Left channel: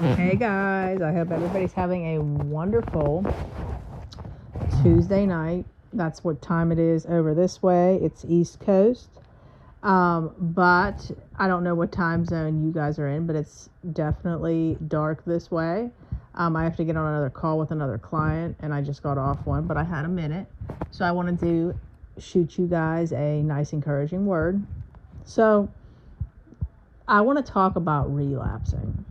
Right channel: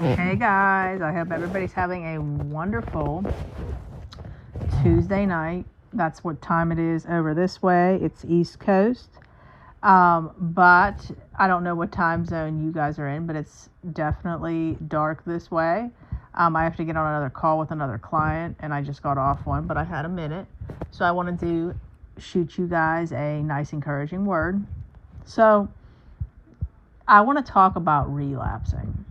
Hey guys, I hope everybody's having a wonderful Tuesday night. That's what time it is over this way. It's East Coast. But I don't know what time zone you guys are in, but it's definitely dark this way. I have to get on another call with another client, and I just got off one, but I had a minute. So I wanted to shoot you guys a nice, encouraging word. So I want to talk about relapsing.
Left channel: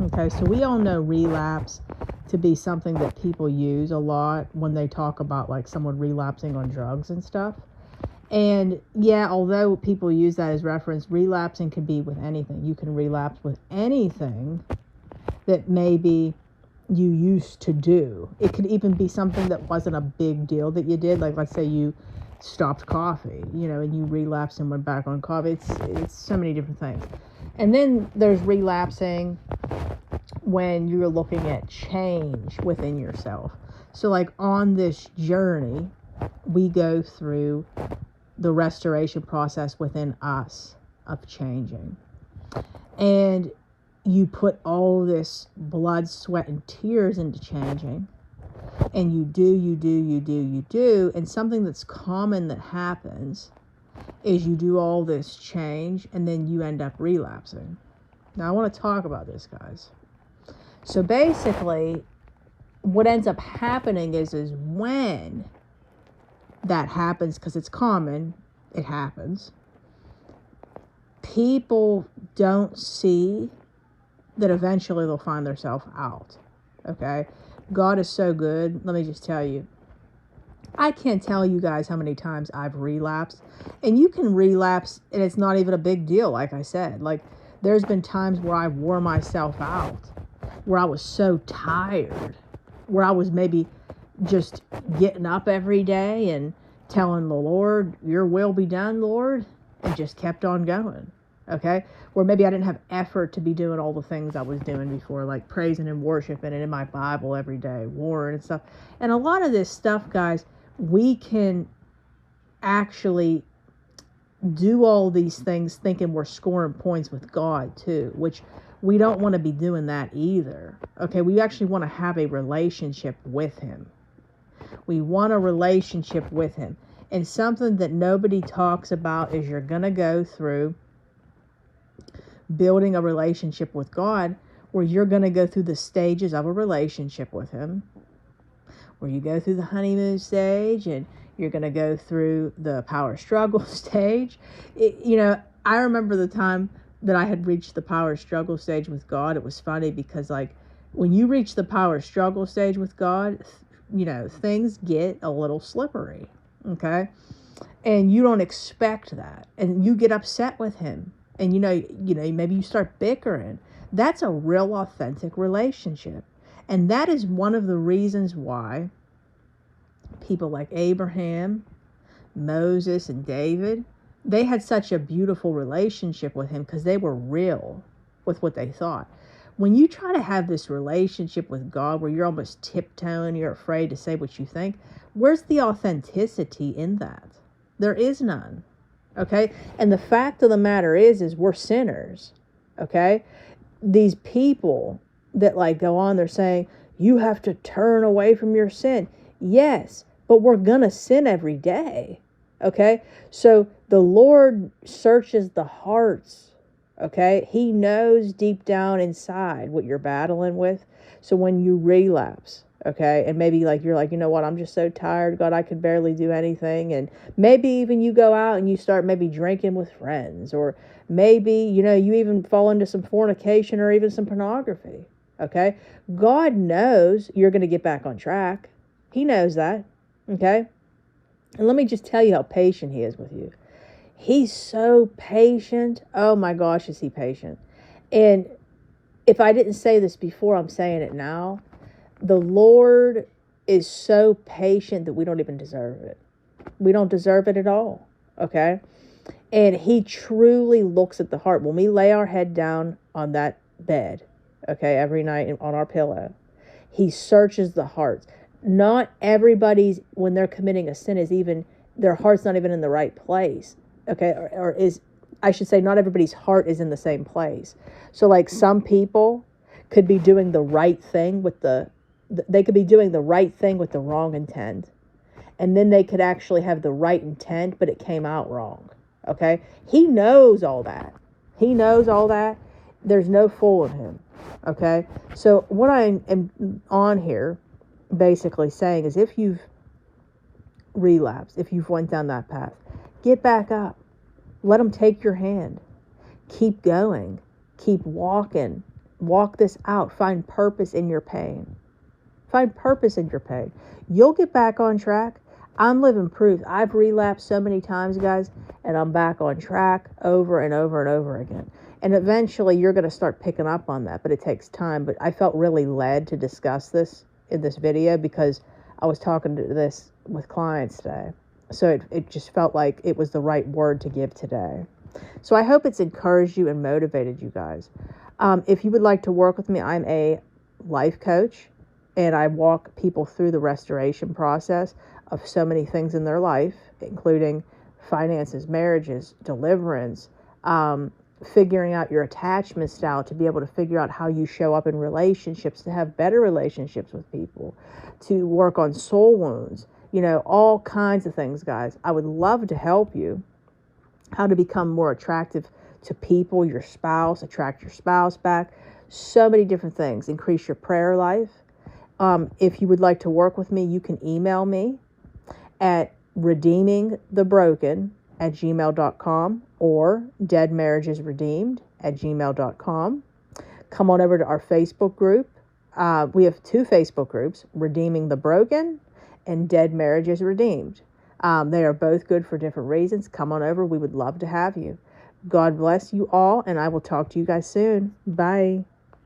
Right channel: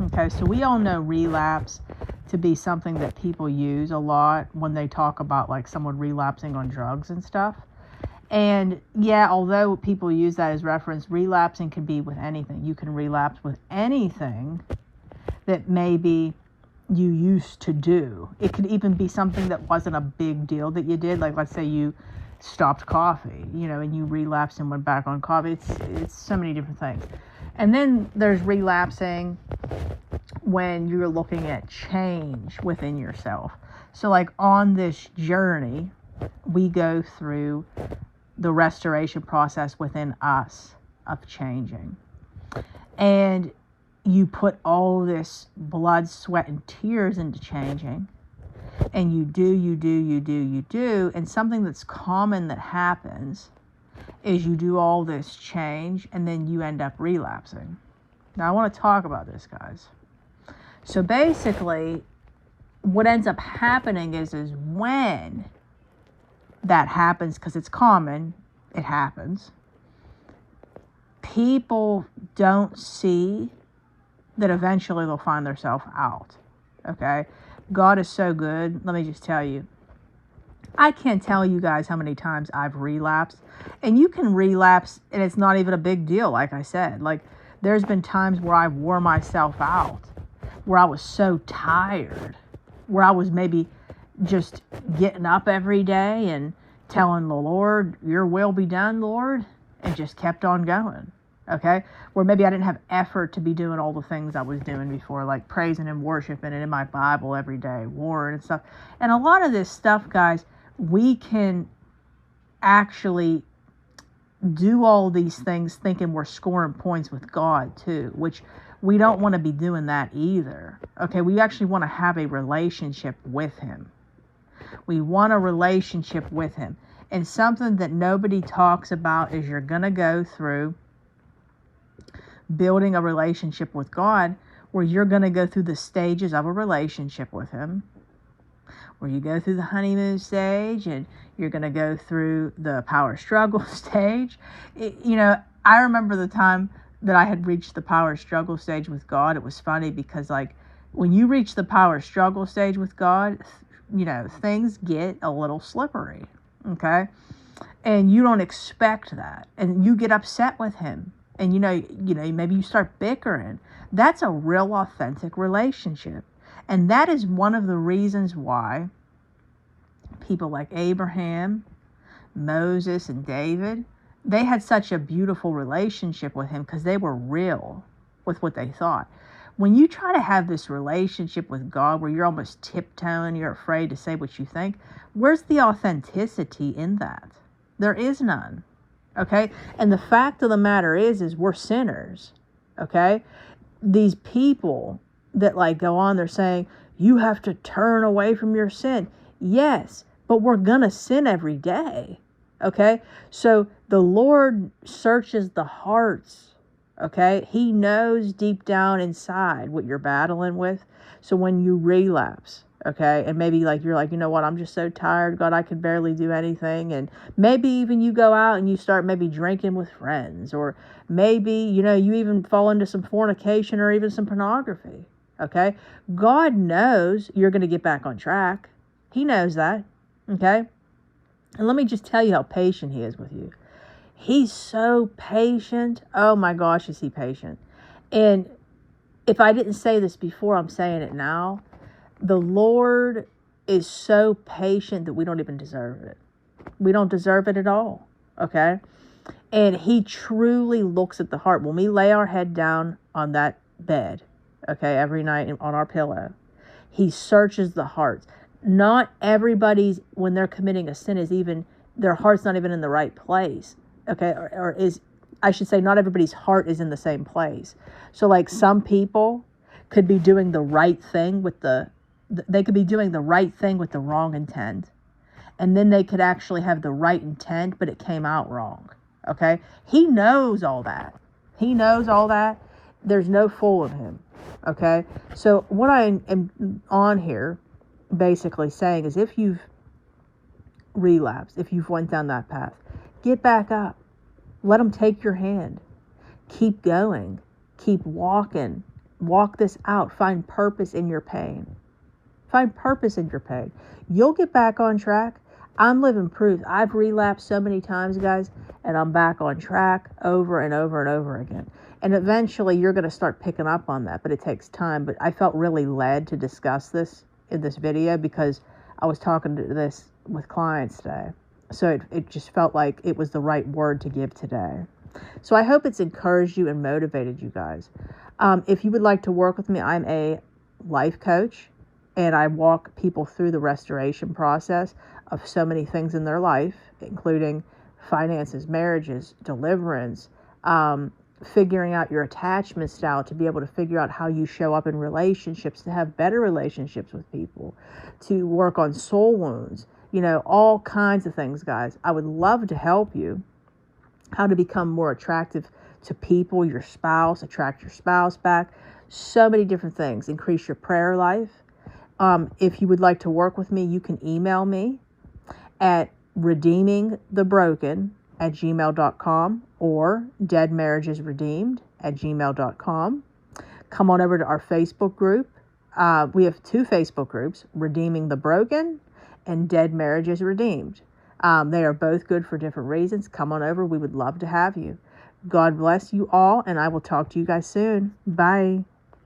Okay, so we all know relapse to be something that people use a lot when they talk about like someone relapsing on drugs and stuff. And yeah, although people use that as reference, relapsing can be with anything. You can relapse with anything that maybe you used to do. It could even be something that wasn't a big deal that you did. Like, let's say you stopped coffee, and you relapsed and went back on coffee. It's so many different things. And then there's relapsing when you're looking at change within yourself. So like on this journey, we go through the restoration process within us of changing. And you put all this blood, sweat, and tears into changing. And you do. And something that's common that happens is you do all this change and then you end up relapsing. Now I want to talk about this, guys. So basically, what ends up happening is when that happens, because it's common, it happens, people don't see that eventually they'll find themselves out. Okay? God is so good. Let me just tell you. I can't tell you guys how many times I've relapsed. And you can relapse and it's not even a big deal, like I said. Like, there's been times where I wore myself out, where I was so tired, where I was maybe just getting up every day and telling the Lord, your will be done, Lord, and just kept on going. Okay? Where maybe I didn't have effort to be doing all the things I was doing before, like praising and worshiping and in my Bible every day, word and stuff. And a lot of this stuff, guys, we can actually do all these things thinking we're scoring points with God too, which we don't want to be doing that either. Okay, we actually want to have a relationship with Him. We want a relationship with Him. And something that nobody talks about is you're going to go through building a relationship with God, where you're going to go through the stages of a relationship with Him, where you go through the honeymoon stage and you're going to go through the power struggle stage. I remember the time that I had reached the power struggle stage with God. It was funny because, like, when you reach the power struggle stage with God, things get a little slippery, okay? And you don't expect that. And you get upset with Him. And, maybe you start bickering. That's a real authentic relationship. And that is one of the reasons why people like Abraham, Moses, and David, they had such a beautiful relationship with Him because they were real with what they thought. When you try to have this relationship with God where you're almost tiptoeing, you're afraid to say what you think, where's the authenticity in that? There is none. Okay? And the fact of the matter is we're sinners. Okay? These people that like go on, they're saying, you have to turn away from your sin. Yes, but we're going to sin every day. Okay? So the Lord searches the hearts. Okay? He knows deep down inside what you're battling with. So when you relapse, okay, and maybe like you're like, you know what, I'm just so tired, God, I could barely do anything. And maybe even you go out and you start maybe drinking with friends, or maybe, you even fall into some fornication or even some pornography. Okay? God knows you're going to get back on track. He knows that. Okay? And let me just tell you how patient He is with you. He's so patient. Oh my gosh, is He patient. And if I didn't say this before, I'm saying it now. The Lord is so patient that we don't even deserve it. We don't deserve it at all. Okay? And He truly looks at the heart. When we lay our head down on that bed, okay, every night on our pillow, He searches the hearts. Not everybody's, when they're committing a sin, is even, their heart's not even in the right place. Okay? I should say, not everybody's heart is in the same place. So like some people could be doing the right thing with they could be doing the right thing with the wrong intent. And then they could actually have the right intent, but it came out wrong. Okay? He knows all that. He knows all that. There's no fooling him. Okay? So what I am on here basically saying is, if you've relapsed, if you've went down that path, get back up. Let them take your hand. Keep going. Keep walking. Walk this out. Find purpose in your pain. Find purpose in your pain. You'll get back on track. I'm living proof. I've relapsed so many times, guys, and I'm back on track over and over and over again. And eventually you're going to start picking up on that, but it takes time. But I felt really led to discuss this in this video because I was talking to this with clients today. So it just felt like it was the right word to give today. So I hope it's encouraged you and motivated you guys. If you would like to work with me, I'm a life coach, and I walk people through the restoration process of so many things in their life, including finances, marriages, deliverance, figuring out your attachment style to be able to figure out how you show up in relationships, to have better relationships with people, to work on soul wounds, all kinds of things, guys. I would love to help you how to become more attractive to people, your spouse, attract your spouse back, so many different things, increase your prayer life. If you would like to work with me, you can email me at redeemingthebroken@gmail.com or deadmarriagesredeemed@gmail.com. Come on over to our Facebook group. We have 2 Facebook groups, Redeeming the Broken and Dead Marriages Redeemed. They are both good for different reasons. Come on over. We would love to have you. God bless you all, and I will talk to you guys soon. Bye.